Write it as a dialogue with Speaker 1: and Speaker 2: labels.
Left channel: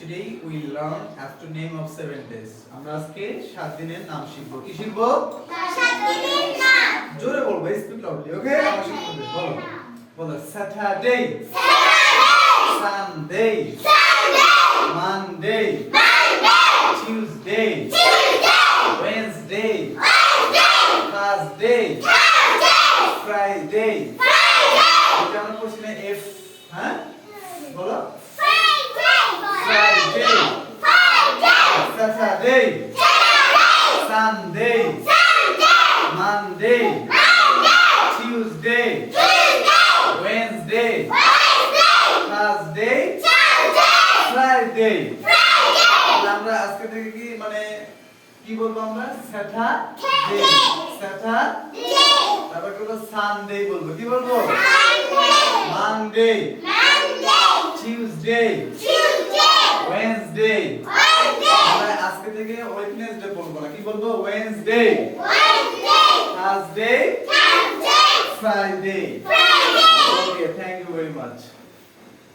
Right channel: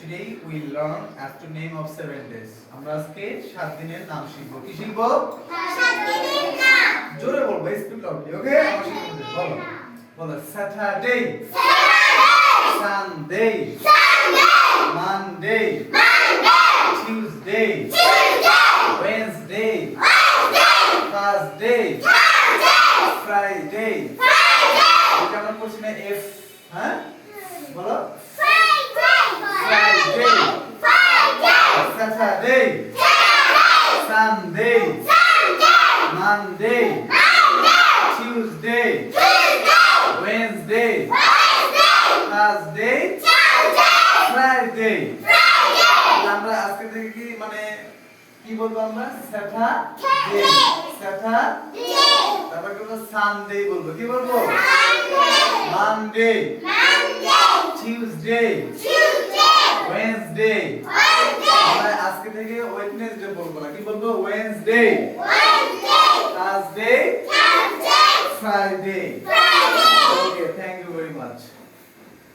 Speaker 1: Today we learn after name of seven days. আমরা আজকে সাত দিনের নাম শিখব। কি শিখব? জোরে বলব স্পিক লাউডলি ওকে আমার শিখতে বলো। বলো Saturday Sunday Monday Tuesday Wednesday Thursday Friday এটা আমরা না এফ হ্যাঁ? Saturday Sunday Monday Tuesday Wednesday Thursday Friday আমরা আজকে থেকে কি মানে কি বলব আমরা? স্যাটারডে স্যাটারডে তারপর বলব? সানডে বলব। কি বলব? মানডে টিউসডে ওয়েডনেসডে আমরা আজকে থেকে ওয়েডনেসডে বলব না। কি বলব? Wednesday Thursday Friday okay thank you very much